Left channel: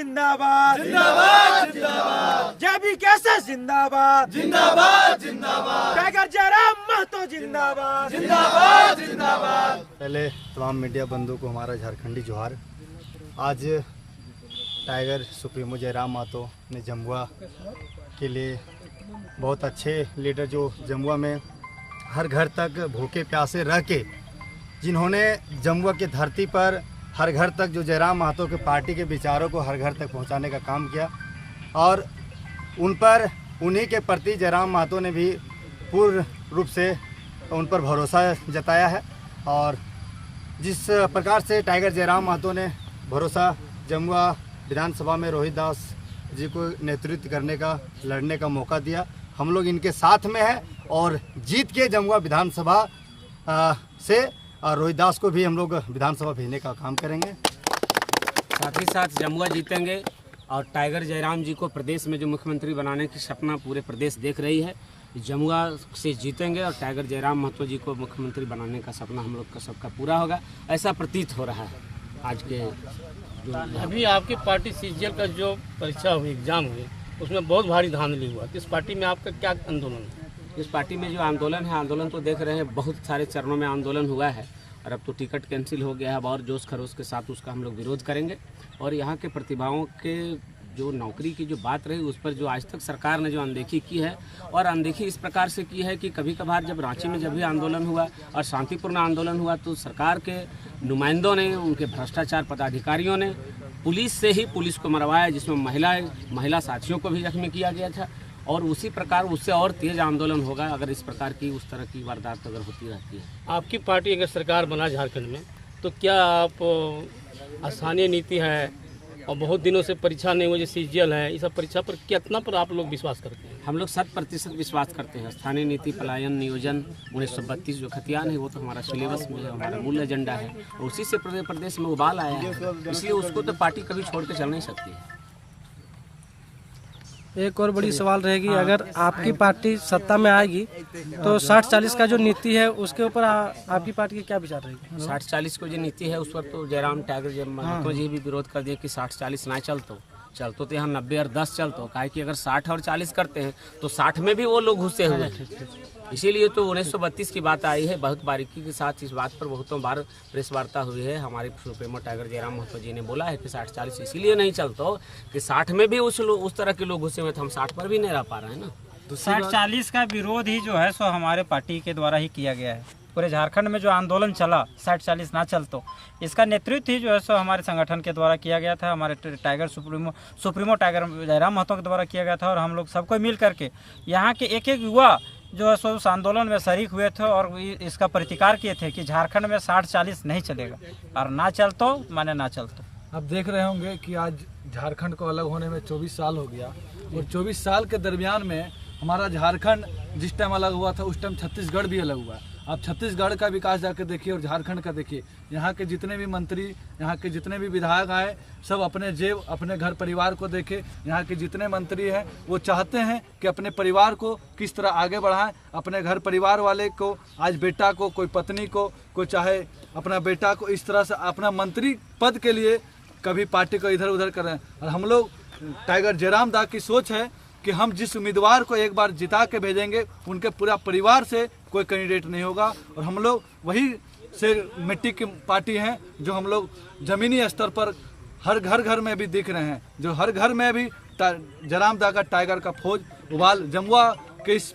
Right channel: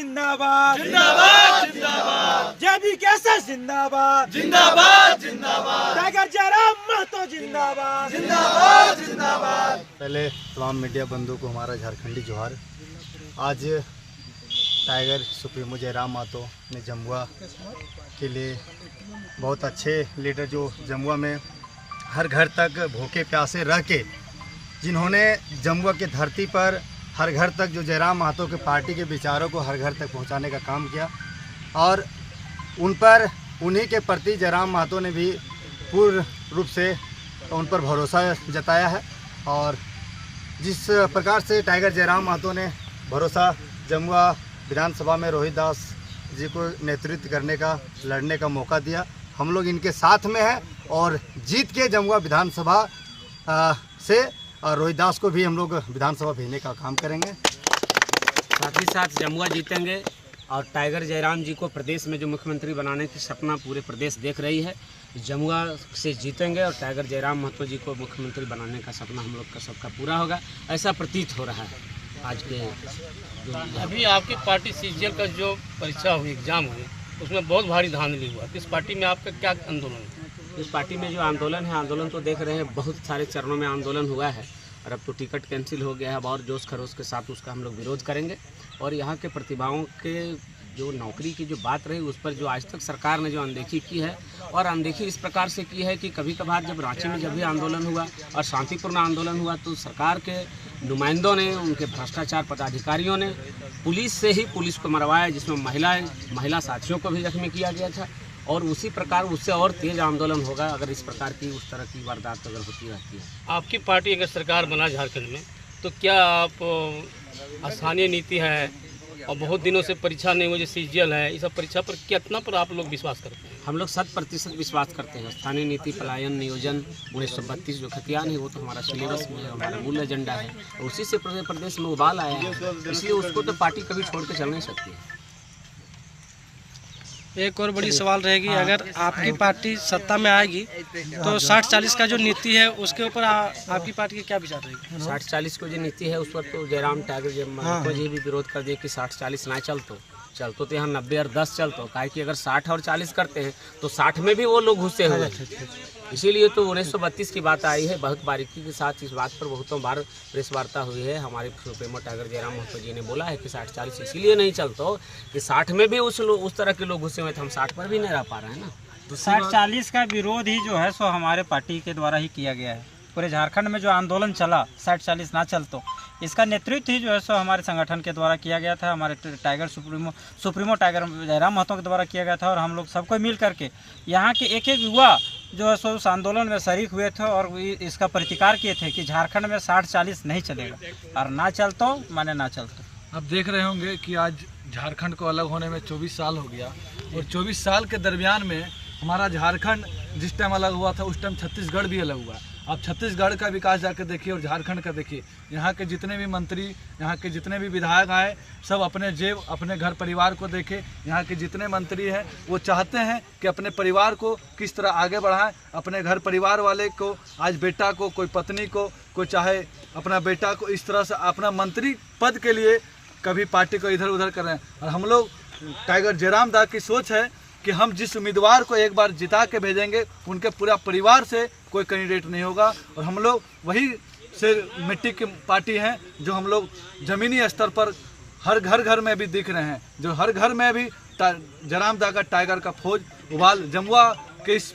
जिंदाबाद जिंदाबाद जिंदाबाद, जेबी कैसे जिंदाबाद जिंदाबाद जिंदाबाद, टाइगर जयराम महतो जिंदाबाद जिंदाबाद जिंदाबाद। पहले तमाम मीडिया बंधुओं को हमारा झारखंडी जोहार। आज टाइगर सुप्रीमो जयराम महतो ने जमुआ के लिए बहुत अच्छे लीडर जो जमुआ में हर घर तक भूखे प्यासे रह के जिन्होंने जमुआ की धरती पर हर घर तक जो जयराम महतो के पार्टी के विचारों को हर घर तक पहुंचाने का काम किया और उन्हीं के प्रति जयराम महतो ने भी पूर्ण रूप से उन पर भरोसा जताया है। और जिस प्रकार से टाइगर जयराम महतो ने भरोसा जमुआ विधानसभा में रोहित दास जी को नेतृत्व करने का लड़ने का मौका दिया, हम लोग इनके साथ में हैं और जीत के जमुआ विधानसभा से रोहित दास को भी हम लोग विधानसभा भेजने का काम करेंगे। साथ ही साथ जमुआ जीतेंगे और टाइगर जयराम जी को प्रदेश में जो मुख्यमंत्री बनाने की सपना पूरे प्रदेश देख रही है, जमुआ से जीतेंगे और टाइगर जयराम महतो जी को मुख्यमंत्री बनाने का सपना हम लोग का सबका पूरा होगा, ऐसा प्रतीत हो रहा है। आज के जो अभी आपकी पार्टी सीजीएल का जो परीक्षा हुई, एग्जाम हुई, उसमें बहुत भारी धांधली हुआ। इस पार्टी में आपका क्या आंदोलन है? इस पार्टी में जो आंदोलन है, आंदोलन तो देख रहे हैं, बहुत सारे चरणों में आंदोलन हुआ है और अब तो टिकट कैंसिल हो गया है। अब और जोश खरोश के साथ उसका हम लोग विरोध करेंगे और यहाँ के प्रतिभाओं के जो नौकरी की जो बात रही उस पर जो आज तक सरकार ने जो अनदेखी की है, और अनदेखी इस प्रकार से की है कि कभी कभार जब रांची में जब भी आंदोलन हुआ और शांतिपूर्ण आंदोलन हुआ तो सरकार के नुमाइंदों ने, उनके भ्रष्टाचार पदाधिकारियों ने पुलिस से ही पुलिस को मरवाया, जिसमें महिला साथियों को भी जख्मी किया गया था। और उसी प्रकार उससे और तेज आंदोलन होगा अगर इस प्रकार की उस तरह की वारदात अगर होती रहती है। आपकी पार्टी अगर सरकार बना झारखंड में तो क्या आप स्थानीय नीति है और बहुत दिनों से परीक्षा नहीं हुई, सीजीएल है, इस सब परीक्षा पर कितना पर आप लोग विश्वास करते हैं? हम लोग 100% विश्वास करते हैं। स्थानीय नीति, पलायन, नियोजन 1932 जो खतियान है वो तो हमारा सिलेबस में है, हमारा मूल एजेंडा है और उसी से प्रदेश में उबाल आया है, इसलिए उसको तो पार्टी कभी छोड़ के चल नहीं सकती है। एक और बड़ी सवाल रहेगी, अगर आपकी पार्टी सत्ता में आएगी तो 60-40 का जो नीति है उसके ऊपर आपकी पार्टी की क्या विचार रहेगी? 60-40 को जो नीति है उस पर तो जयराम टाइगर महतो जी भी विरोध कर दिए कि 60-40 ना चलतो तो यहाँ 90 और 10 चलतो, काहे कि अगर 60 और 40 करते हैं तो 60 में भी वो लोग घुसे हुए हैं। इसीलिए तो 1932 की बात आई है। बहुत बारीकी के साथ इस बात पर बहुतों बार प्रेस वार्ता हुई है। हमारे सुप्रीमो टाइगर जयराम महतो जी ने बोला है कि 60-40 इसीलिए नहीं चलता कि 60 में भी उस तरह के लोग घुसे हुए थे, हम 60 पर भी नहीं रह पा रहे हैं ना। तो 60-40 का विरोध ही जो है सो हमारे पार्टी के द्वारा ही किया गया है। पूरे झारखंड में जो आंदोलन चला 60-40 ना चल तो इसका नेतृत्व ही जो है सो हमारे संगठन के द्वारा किया गया था, हमारे tiger supremo Tiger Jairam Mahato के द्वारा किया गया था। और हम लोग सबको मिल करके यहाँ के एक युवा जो है सो उस आंदोलन में शरीक हुए थे और इसका प्रतिकार किए थे कि झारखंड में 60-40 नहीं चलेगा और ना चलतो माने ना चलतो। आप देख रहे होंगे कि आज झारखंड को अलग होने में 24 साल हो गया और 24 साल के दरमियान में हमारा झारखंड जिस टाइम अलग हुआ था उस टाइम छत्तीसगढ़ भी अलग हुआ। आप छत्तीसगढ़ का विकास जाकर देखिए और झारखंड का देखिए। यहाँ के जितने भी मंत्री, यहाँ के जितने भी विधायक आए, सब अपने जेब, अपने घर परिवार को देखे। यहाँ के जितने मंत्री हैं वो चाहते हैं कि अपने परिवार को किस तरह आगे बढ़ाएं, अपने घर परिवार वाले को, आज बेटा को, कोई पत्नी को, कोई चाहे अपना बेटा को, इस तरह से अपना मंत्री पद के लिए कभी पार्टी को इधर उधर कर रहे हैं। और हम लोग टाइगर जयराम दा की सोच है कि हम जिस उम्मीदवार को एक बार जिता के भेजेंगे उनके पूरा परिवार से कोई कैंडिडेट नहीं होगा। और हम लोग वही से मिट्टी की पार्टी हैं जो हम लोग ज़मीनी स्तर पर हर घर में भी दिख रहे हैं, जो हर घर में भी जयराम दा का टाइगर का फौज उबाल, जमुआ के इस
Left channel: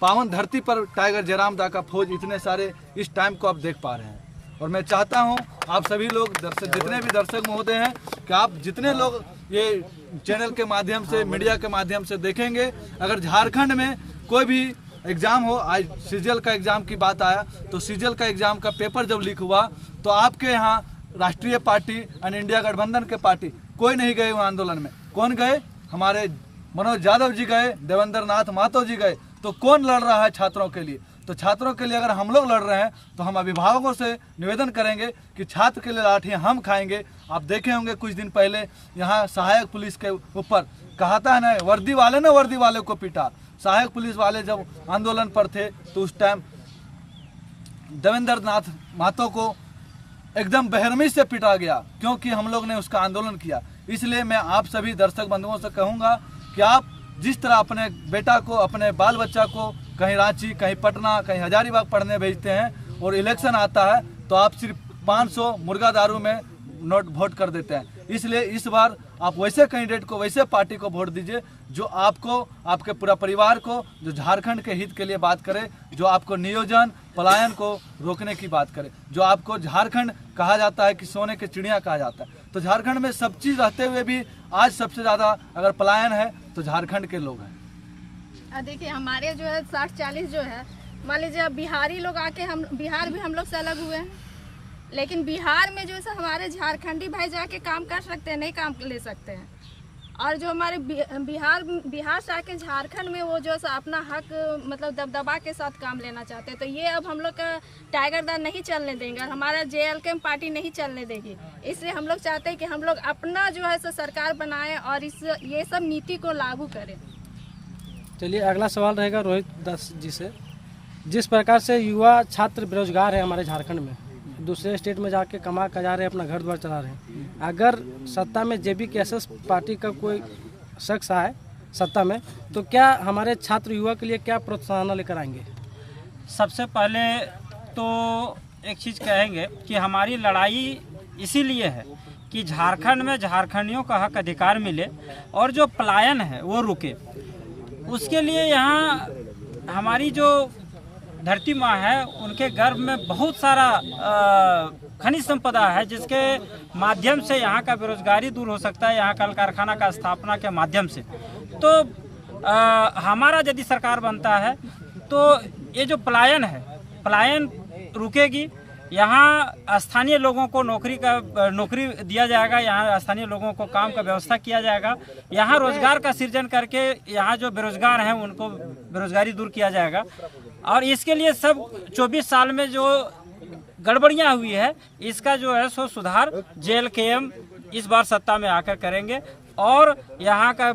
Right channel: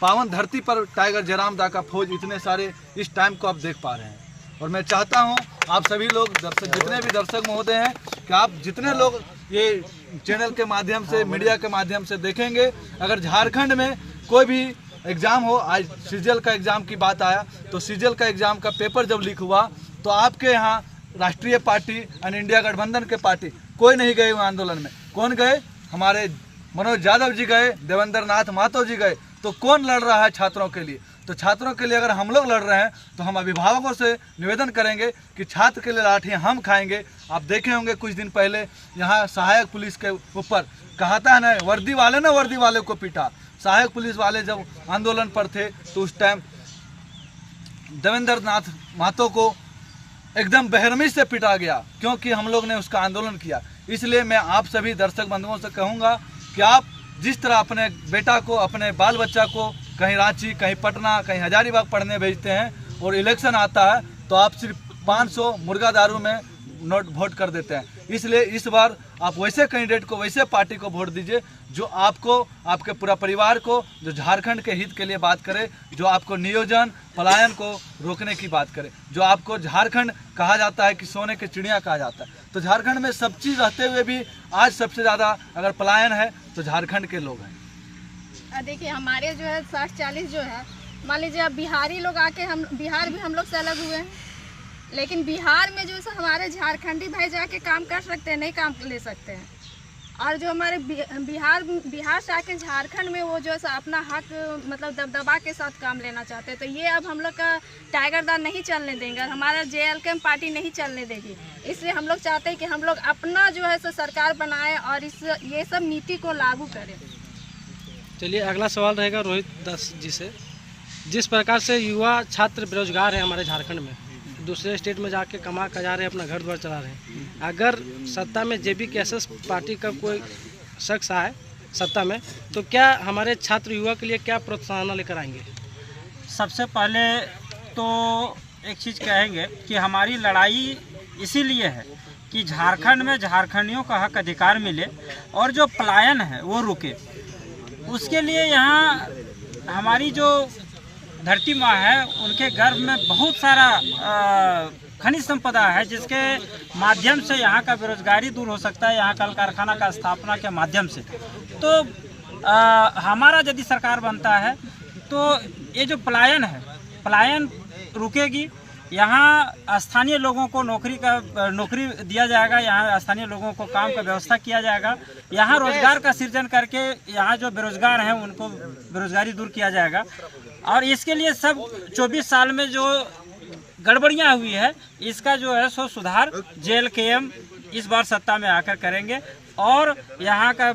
पावन धरती पर टाइगर जयराम दा का फौज इतने सारे इस टाइम को आप देख पा रहे हैं। और मैं चाहता हूं आप सभी लोग दर्शक, जितने भी दर्शक महोदय हैं, कि आप जितने लोग ये चैनल के माध्यम से, मीडिया के माध्यम से देखेंगे, अगर झारखंड में कोई भी एग्ज़ाम हो, आज सीजीएल का एग्ज़ाम की बात आया तो सीजीएल का एग्ज़ाम का पेपर जब लीक हुआ तो आपके यहाँ राष्ट्रीय पार्टी और इंडिया गठबंधन के पार्टी कोई नहीं गए आंदोलन में। कौन गए? हमारे मनोज यादव जी गए, देवेंद्र नाथ महतो जी गए। तो कौन लड़ रहा है छात्रों के लिए? तो छात्रों के लिए अगर हम लोग लड़ रहे हैं तो हम अभिभावकों से निवेदन करेंगे कि छात्र के लिए लाठियाँ हम खाएंगे। आप देखे होंगे कुछ दिन पहले यहाँ सहायक पुलिस के ऊपर कहता है ना, वर्दी वाले को पीटा। सहायक पुलिस वाले जब आंदोलन पर थे तो उस टाइम देवेंद्र नाथ महतो को एकदम बेरहमी से पिटा गया, क्योंकि हम लोग ने उसका आंदोलन किया। इसलिए मैं आप सभी दर्शक बंधुओं से कहूँगा कि आप जिस तरह अपने बेटा को, अपने बाल बच्चा को कहीं रांची, कहीं पटना, कहीं हजारीबाग पढ़ने भेजते हैं और इलेक्शन आता है तो आप सिर्फ 500 मुर्गा दारू में नोट वोट कर देते हैं। इसलिए इस बार आप वैसे कैंडिडेट को, वैसे पार्टी को वोट दीजिए जो आपको, आपके पूरा परिवार को, जो झारखंड के हित के लिए बात करे, जो आपको नियोजन पलायन को रोकने की बात करे, जो आपको झारखंड कहा जाता है कि सोने की चिड़िया कहा जाता है। तो झारखंड में सब चीज़ रहते हुए भी आज सबसे ज़्यादा अगर पलायन है तो झारखंड के लोग हैं। देखिए हमारे जो है 60-40 जो है, मान लीजिए अब बिहारी लोग आके, हम बिहार भी हम लोग से अलग हुए हैं, लेकिन बिहार में जो है हमारे झारखंडी भाई जाके काम कर सकते हैं, नहीं काम ले सकते हैं। और जो हमारे बिहार से आके झारखंड में वो जो है अपना हक मतलब दबदबा के साथ काम लेना चाहते हैं। तो ये अब हम लोग का टाइगर दाल नहीं चलने देंगे, हमारा JLK पार्टी नहीं चलने देगी। इसलिए हम लोग चाहते हैं कि हम लोग अपना जो है सरकार बनाएं और ये सब नीति को लागू करें। चलिए अगला सवाल रहेगा रोहित दास जी से। जिस प्रकार से युवा छात्र बेरोजगार है हमारे झारखंड में, दूसरे स्टेट में जाके कमा जा रहे हैं, अपना घर द्वार चला रहे हैं, अगर सत्ता में JBKSS पार्टी का कोई शख्स आए सत्ता में तो क्या हमारे छात्र युवा के लिए क्या प्रोत्साहन लेकर आएंगे? सबसे पहले तो एक चीज़ कहेंगे कि हमारी लड़ाई इसीलिए है कि झारखंड में झारखंडियों का हक अधिकार मिले और जो पलायन है वो रुके। उसके लिए यहाँ हमारी जो धरती माँ है उनके गर्भ में बहुत सारा खनिज संपदा है, जिसके माध्यम से यहाँ का बेरोजगारी दूर हो सकता है, यहाँ कल कारखाना का स्थापना के माध्यम से। तो हमारा यदि सरकार बनता है तो ये जो पलायन है, पलायन रुकेगी। यहाँ स्थानीय लोगों को नौकरी दिया जाएगा, यहाँ स्थानीय लोगों को काम का व्यवस्था किया जाएगा, यहाँ रोजगार का सृजन करके यहाँ जो बेरोजगार हैं उनको बेरोजगारी दूर किया जाएगा। और इसके लिए सब 24 साल में जो गड़बड़ियाँ हुई है इसका जो है सो सुधार JLKM इस बार सत्ता में आकर करेंगे और यहाँ का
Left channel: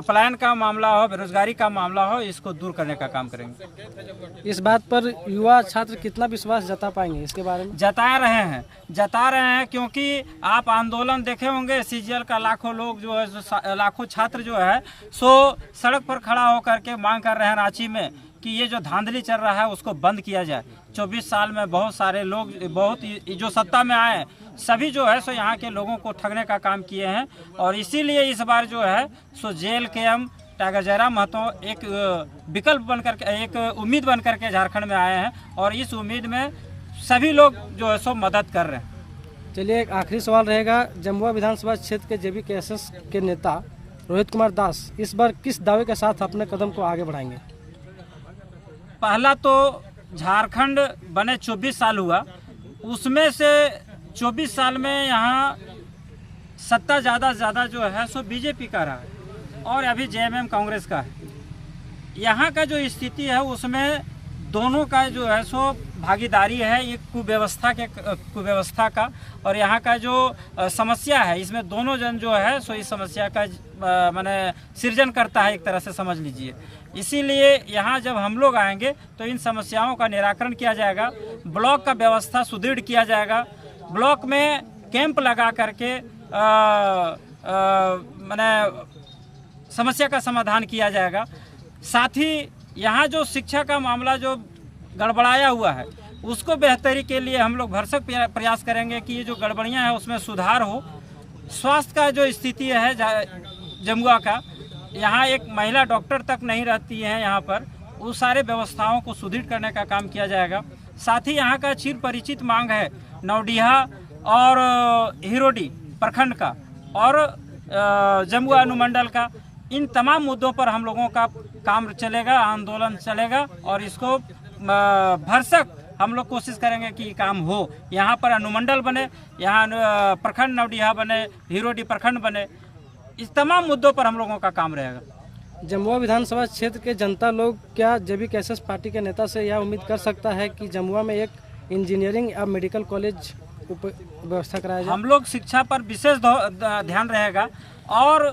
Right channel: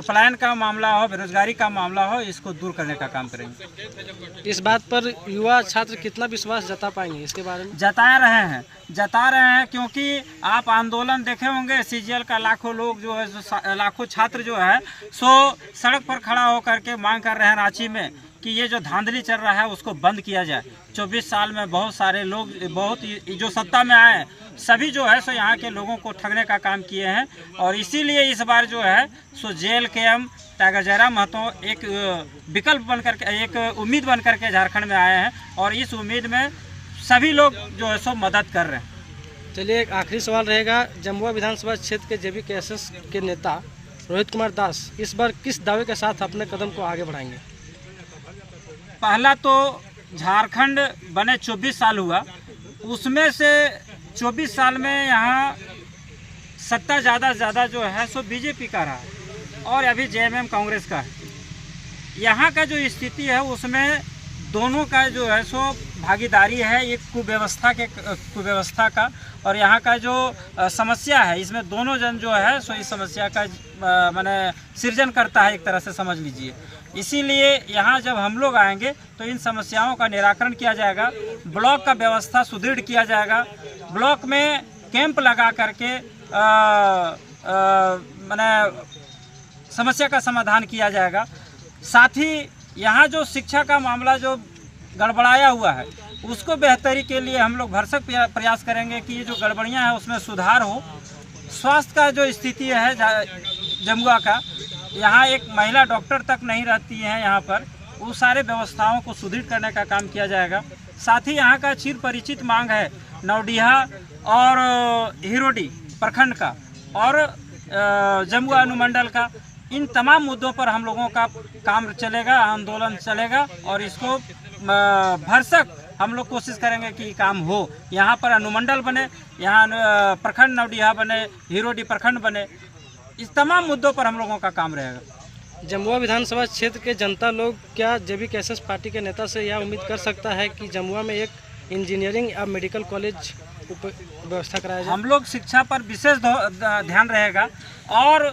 पलायन का मामला हो, बेरोजगारी का मामला हो, इसको दूर करने का काम करेंगे। इस बात पर युवा छात्र कितना विश्वास जता पाएंगे इसके बारे में? जता रहे हैं क्योंकि आप आंदोलन देखे होंगे, CGL का लाखों लोग जो है, लाखों छात्र जो है सो सड़क पर खड़ा होकर के मांग कर रहे हैं रांची में कि ये जो धांधली चल रहा है उसको बंद किया जाए। 24 साल में बहुत सारे लोग, बहुत जो सत्ता में आए सभी जो है सो यहाँ के लोगों को ठगने का काम किए हैं और इसीलिए इस बार जो है सो JLKM टाइगर जयराम महतो एक विकल्प बनकर के, एक उम्मीद बनकर के झारखंड में आए हैं और इस उम्मीद में सभी लोग जो है सो मदद कर रहे हैं। चलिए एक आखिरी सवाल रहेगा। जमुआ विधानसभा क्षेत्र के JBKSS के नेता रोहित कुमार दास इस बार किस दावे के साथ अपने कदम को आगे बढ़ाएंगे? पहला तो झारखंड बने 24 साल हुआ, उसमें से 24 साल में यहाँ सत्ता ज़्यादा जो है सो बीजेपी का रहा है और अभी JMM कांग्रेस का है। यहाँ का जो स्थिति है उसमें दोनों का जो है सो भागीदारी है, एक कुव्यवस्था का और यहाँ का जो समस्या है इसमें दोनों जन जो है सो इस समस्या का माने सृजन करता है, एक तरह से समझ लीजिए। इसीलिए यहाँ जब हम लोग आएंगे तो इन समस्याओं का निराकरण किया जाएगा, ब्लॉक का व्यवस्था सुदृढ़ किया जाएगा, ब्लॉक में कैंप लगा करके माने समस्या का समाधान किया जाएगा। साथ ही यहाँ जो शिक्षा का मामला जो गड़बड़ाया हुआ है उसको बेहतरी के लिए हम लोग भरसक प्रयास करेंगे कि ये जो गड़बड़ियाँ हैं उसमें सुधार हो। स्वास्थ्य का जो स्थिति है जमुआ का, यहाँ एक महिला डॉक्टर तक नहीं रहती है यहाँ पर, उन सारे व्यवस्थाओं को सुदृढ़ करने का काम किया जाएगा। साथ ही यहाँ का चिर परिचित मांग है नौडीहा और हिरोडी प्रखंड का और जमुआ अनुमंडल का, इन तमाम मुद्दों पर हम लोगों का काम चलेगा, आंदोलन चलेगा और इसको भरसक हम लोग कोशिश करेंगे कि काम हो। यहाँ पर अनुमंडल बने, यहाँ प्रखंड नौडीहा बने, हिरोडी प्रखंड बने, इस तमाम मुद्दों पर हम लोगों का काम रहेगा। जमुआ विधानसभा क्षेत्र के जनता लोग क्या JBKSS पार्टी के नेता से यह उम्मीद कर सकता है कि जमुआ में एक इंजीनियरिंग या मेडिकल कॉलेज व्यवस्था कराया जाए? हम लोग शिक्षा पर विशेष ध्यान रहेगा और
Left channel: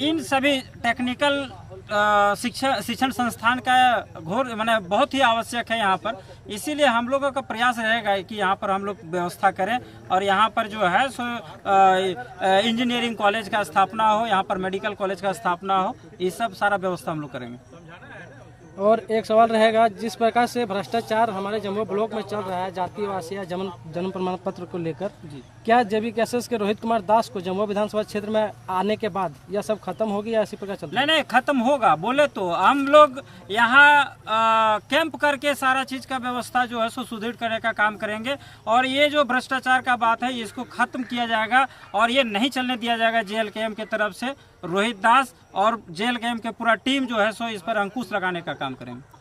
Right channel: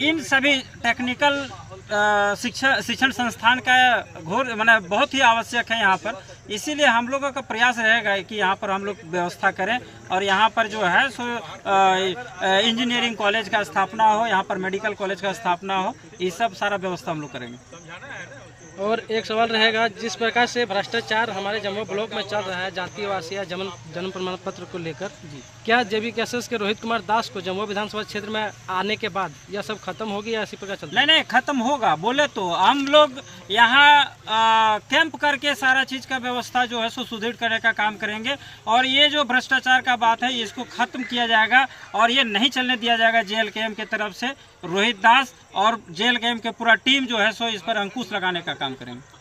इन सभी टेक्निकल शिक्षण संस्थान का घोर माने बहुत ही आवश्यक है यहाँ पर। इसीलिए हम लोगों का प्रयास रहेगा कि यहाँ पर हम लोग व्यवस्था करें और यहाँ पर जो है सो इंजीनियरिंग कॉलेज का स्थापना हो, यहाँ पर मेडिकल कॉलेज का स्थापना हो, ये सब सारा व्यवस्था हम लोग करेंगे। और एक सवाल रहेगा, जिस प्रकार से भ्रष्टाचार हमारे जम्मू ब्लॉक में चल रहा है जातिवासी या जन्म प्रमाण पत्र को लेकर, क्या JBKSS के रोहित कुमार दास को जम्मू विधानसभा क्षेत्र में आने के बाद यह सब खत्म होगी या इसी प्रकार चलता? नहीं, खत्म होगा। बोले तो हम लोग यहाँ कैंप करके सारा चीज़ का व्यवस्था जो है सो सुदृढ़ करने का काम करेंगे और ये जो भ्रष्टाचार का बात है इसको खत्म किया जाएगा और ये नहीं चलने दिया जाएगा। JLKM की तरफ से रोहित दास और JLKM के पूरा टीम जो है सो इस पर अंकुश लगाने का काम करेंगे।